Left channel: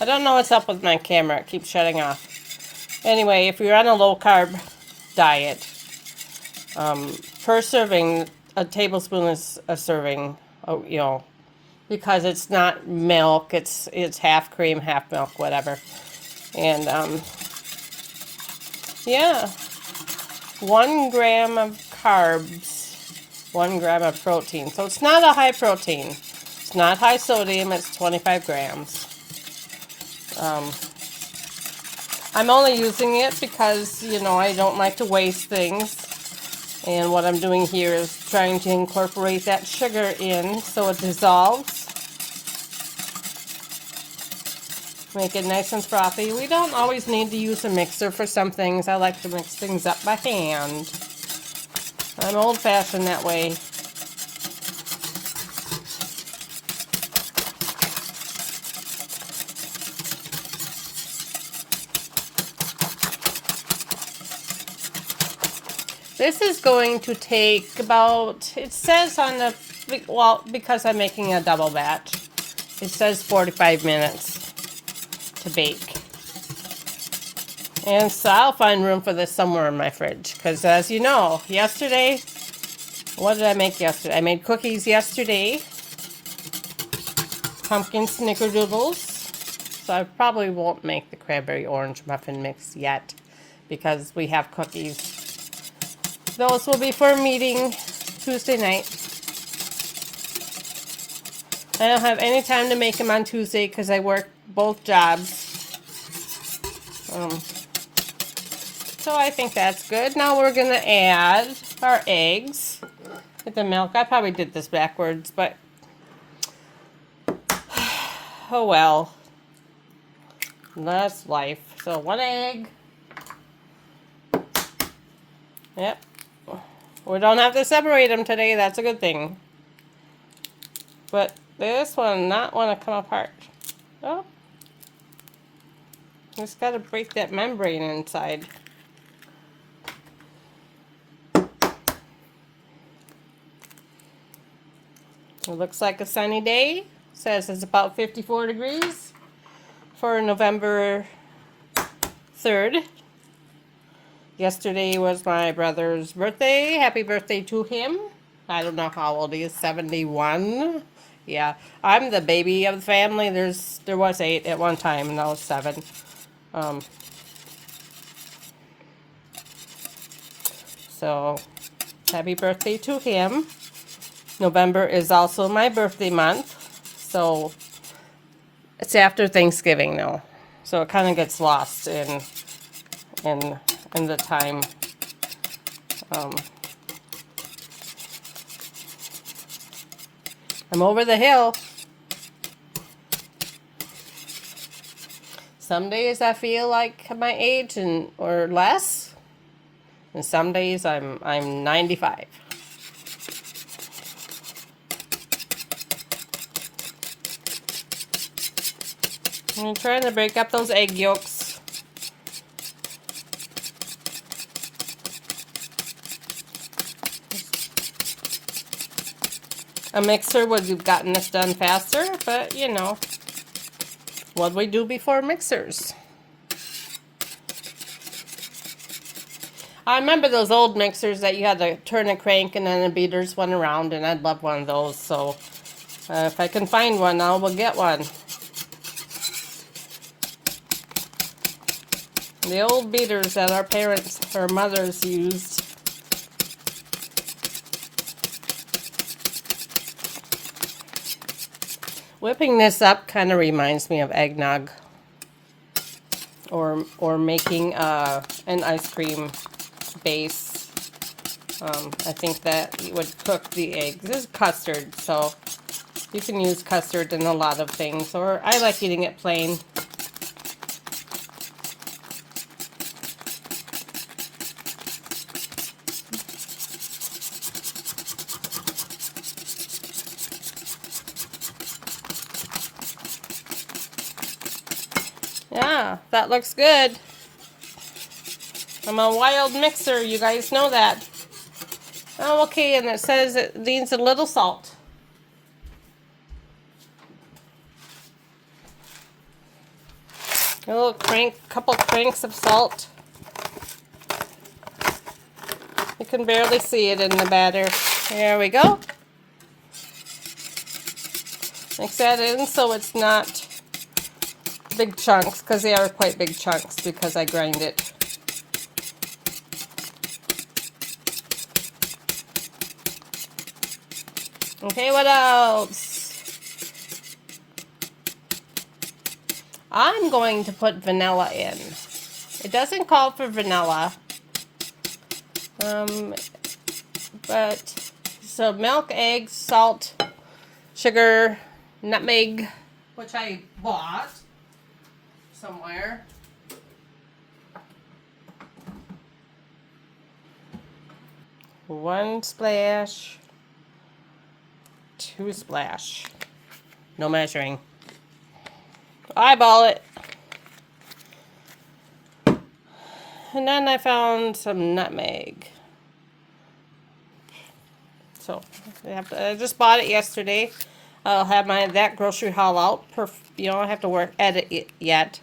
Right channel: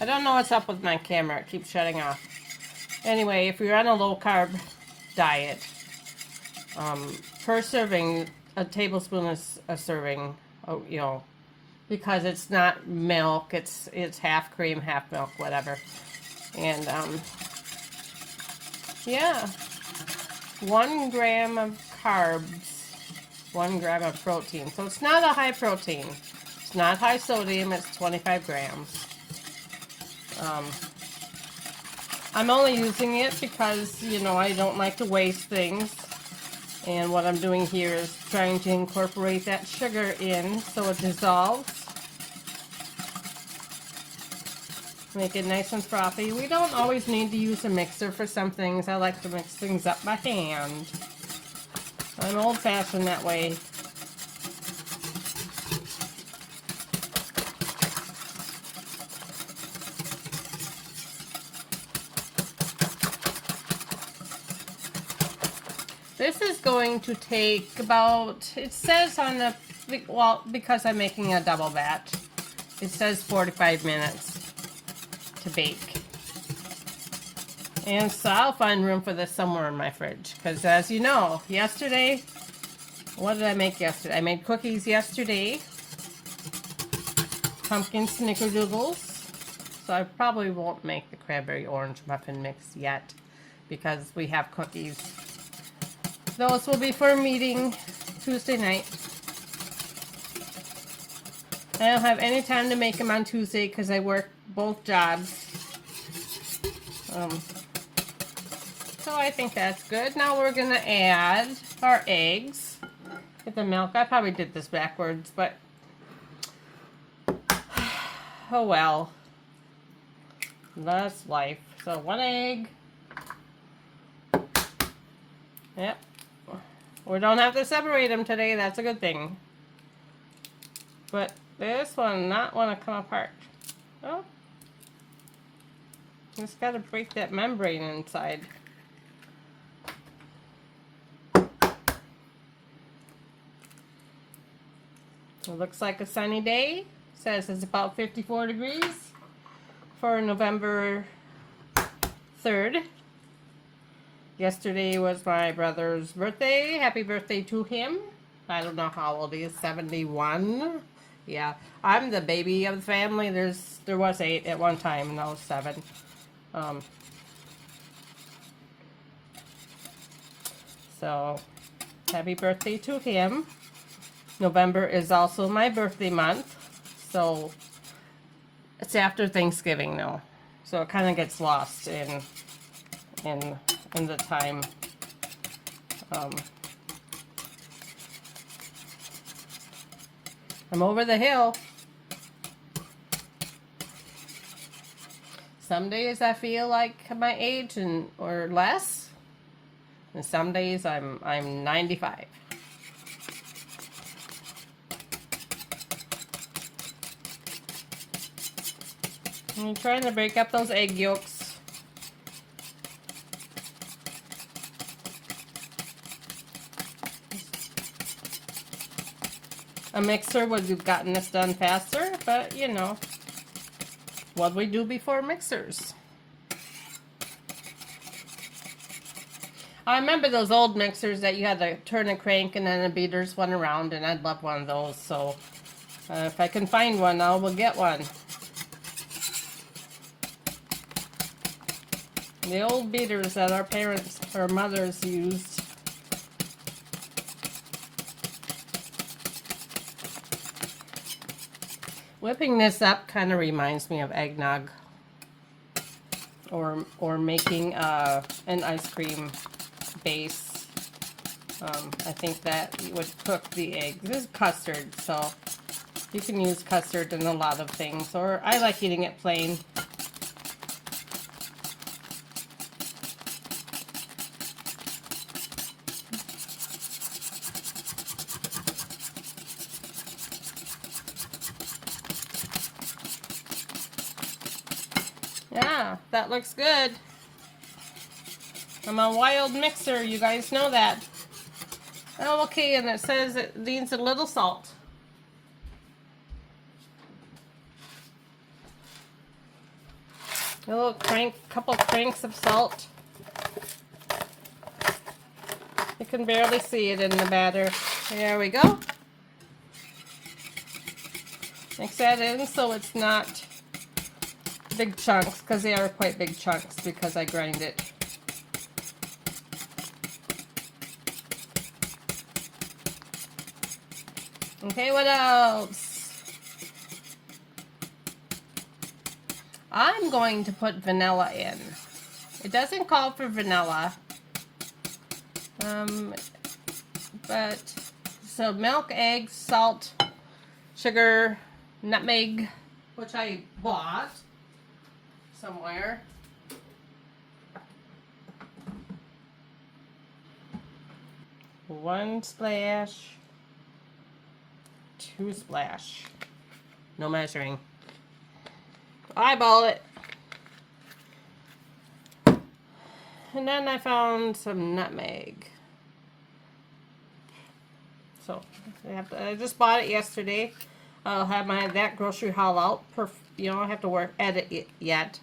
I don't know what's up with my camera. It keeps shutting off. Anyway, if you're on a low-carb diet, per serving, a tablespoon is a serving, you know, because it's not milk. It's half cream, half milk, whatever. And, yeah, 1 gram of carbs, 1 gram of protein. So it's not a high protein. It's not high sodium. It's 25 grams. I'm only using it because, you know, I don't like to waste things. And what I'm doing here is trying to incorporate that sugar in so it dissolves. Make it nice and frothy. We don't always need to use a mixer for some things. I like to mix things up by hand. I'm old-fashioned that way. This is going to take about, it says on the, well, because I'm making a double batch, it says 45 minutes to bake. And so I'll find room for this somewhere in my fridge. Because as you know, yesterday, what did I make yesterday? I made cookies yesterday. Pumpkin snickerdoodles. So I probably won't make the cranberry orange muffin mix yet. Because we have cookies. Those will be for a meeting Tuesday night. I don't have any time to make them on Tuesday because I work both jobs. So I think that's good. Now we're going to add our eggs. Get the milk. I probably did this backwards, but oh well. That's life. So 1 egg. Yep. We don't have to separate them today. That's a good thing. But this one not want to come apart. Oh. Just got to break that membrane inside. It looks like a sunny day. Says it's about 54 degrees for November 3rd. Yesterday was my brother's birthday. Happy birthday to him. I don't know how old he is, 71. Yeah, I'm the baby of the family. There was 8 at one time, and now 7. So, happy birthday to him. November is also my birthday month. So, it's after Thanksgiving now. So, it kind of gets lost in the time. I'm over the hill. Some days I feel like my age or less, and some days I'm 95. I'm trying to break up those egg yolks. A mixer would have gotten this done faster, but you know, what we do before mixers. I remember those old mixers that you had to turn a crank and then the beaters went around, and I'd love one of those. So if I can find one, I will get one. The old beaters that our parents or mothers used. Whipping this up kind of reminds me of eggnog, or making an ice cream base. I think that you would cook the eggs. This is custard, so you can use custard in a lot of things, or I like eating it plain. Yeah, that looks good. I'm a wild mixer, you guys know that. Oh, okay, and it says it needs a little salt. A little couple cranks of salt. You can barely see it in the batter. There we go. Mix that in so it's not big chunks, because they are quite big chunks because I grind it. Okay, what else? I'm going to put vanilla in. It doesn't call for vanilla. But so milk, eggs, salt, sugar, nutmeg, which I bought somewhere. One splash, two splash. No measuring. Eyeball it. And then I found some nutmeg. So I just bought it yesterday. I'll have that grocery haul out. You don't have to edit it yet.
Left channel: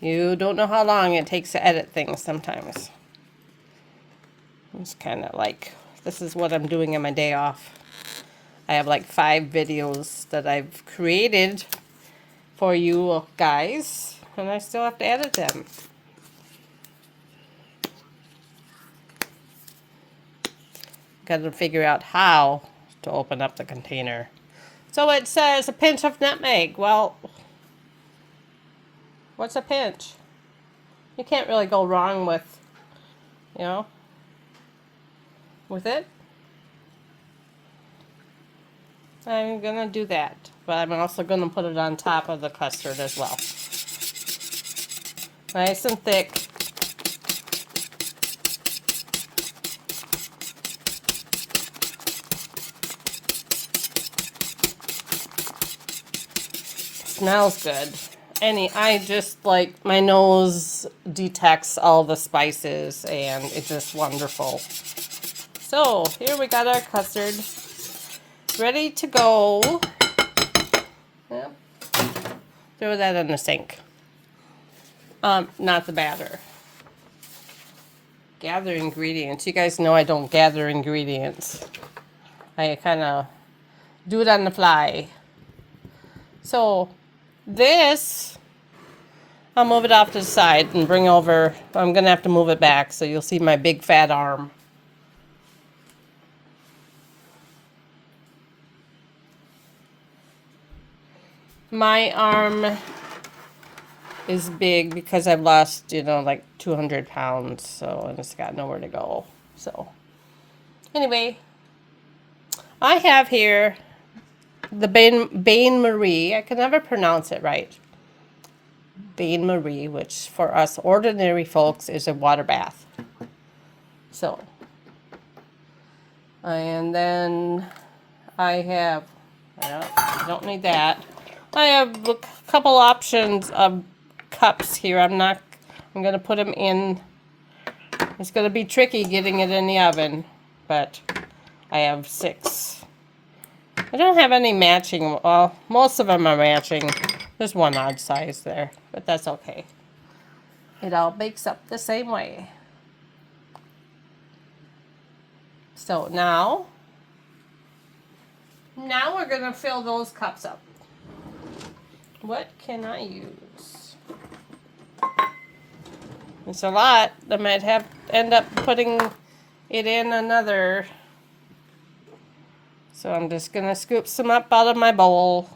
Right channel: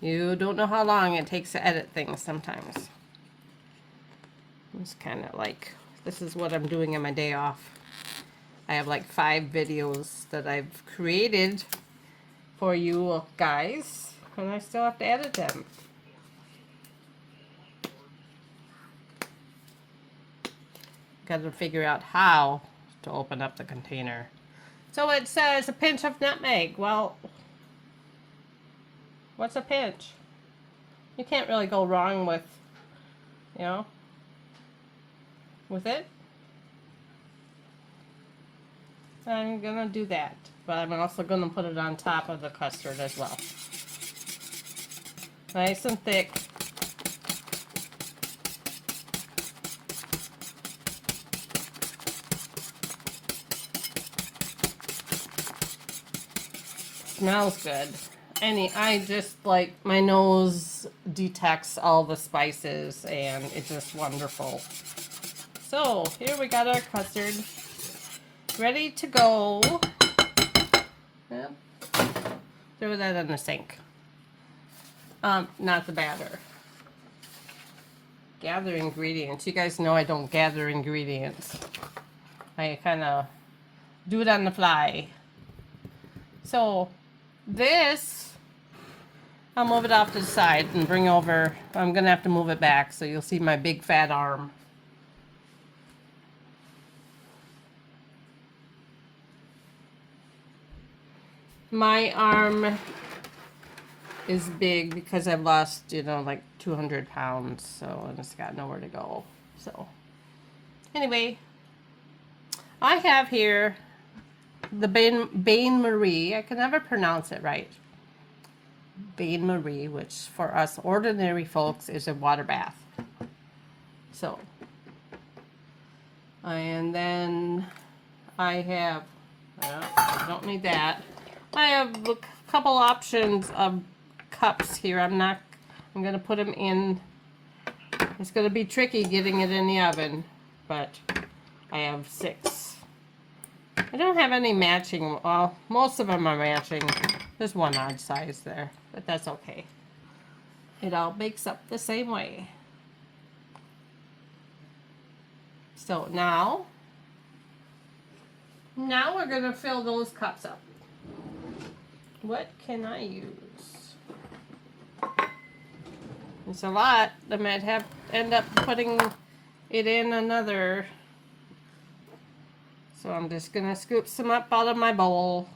You don't know how long it takes to edit things sometimes. It's kind of like, this is what I'm doing on my day off. I have like 5 videos that I've created for you guys, and I still have to edit them. Got to figure out how to open up the container. So it says a pinch of nutmeg. Well, what's a pinch? You can't really go wrong with, you know, with it. I'm gonna do that, but I'm also gonna put it on top of the custard as well. Nice and thick. Smells good. I just like, my nose detects all the spices and it's just wonderful. So here we got our custard ready to go. Yep. Throw that in the sink. Not the batter. Gather ingredients. You guys know I don't gather ingredients. I kind of do it on the fly. So this, I'll move it off to the side and bring over. I'm going to have to move it back so you'll see my big fat arm. My arm is big because I've lost, you know, like 200 pounds, so and it's got nowhere to go. So anyway, I have here the Bain Marie. I can never pronounce it right. Bain Marie, which for us ordinary folks is a water bath. So, and then I have, I don't need that. I have a couple options of cups here. I'm going to put them in. It's going to be tricky getting it in the oven, but I have 6. I don't have any matching. Well, most of them are matching. There's one odd size there, but that's okay. It all bakes up the same way. So now we're going to fill those cups up. What can I use? It's a lot. I might end up putting it in another. So I'm just gonna scoop some up out of my bowl.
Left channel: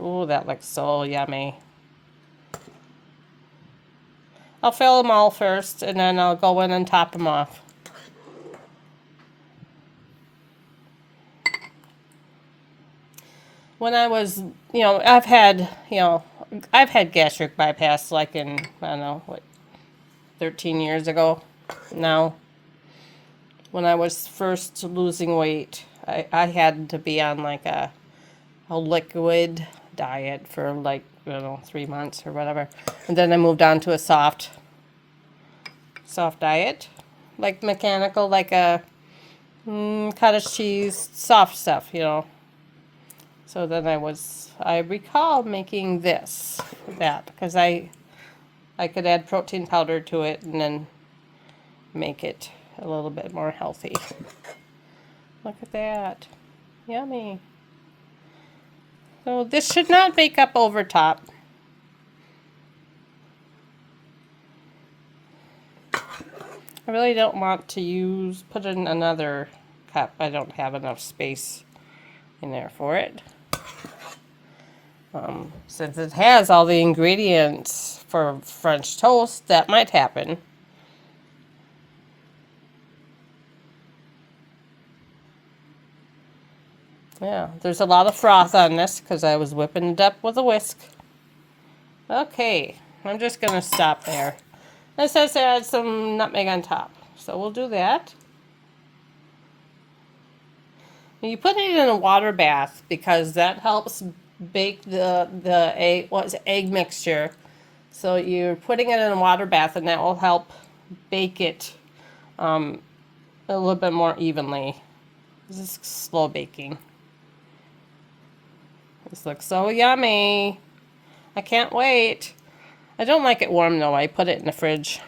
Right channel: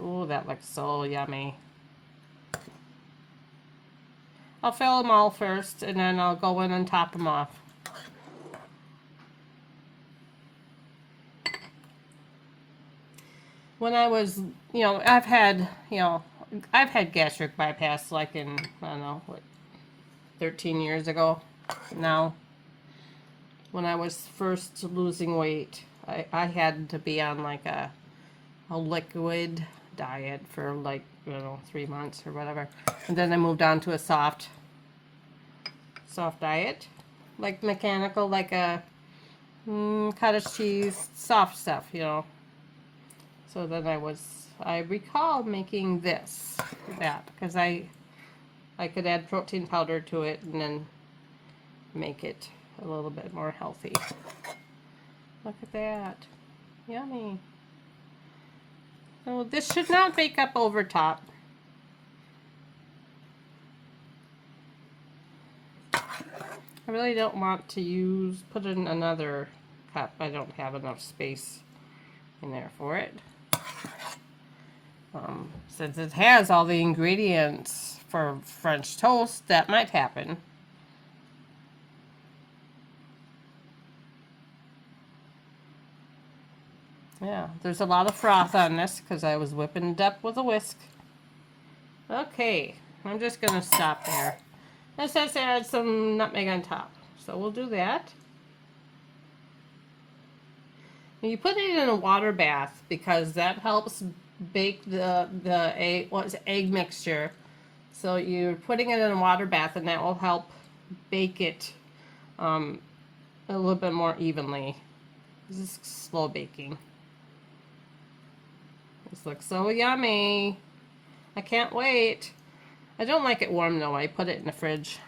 Ooh, that looks so yummy. I'll fill them all first, and then I'll go in and top them off. When I was, you know, I've had gastric bypass like in, I don't know, what, 13 years ago now. When I was first losing weight, I had to be on like a liquid diet for like, I don't know, 3 months or whatever. And then I moved on to a soft diet, like mechanical, like a cottage cheese, soft stuff, you know. So then I recall making that, because I could add protein powder to it and then make it a little bit more healthy. Look at that. Yummy. So this should not bake up over top. I really don't want to put in another cup. I don't have enough space in there for it. Since it has all the ingredients for French toast, that might happen. Yeah, there's a lot of froth on this because I was whipping it up with a whisk. Okay, I'm just going to stop there. It says to add some nutmeg on top, so we'll do that. You put it in a water bath because that helps bake the egg mixture. So you're putting it in a water bath, and that will help bake it a little bit more evenly. This is slow baking. This looks so yummy. I can't wait. I don't like it warm though. I put it in the fridge.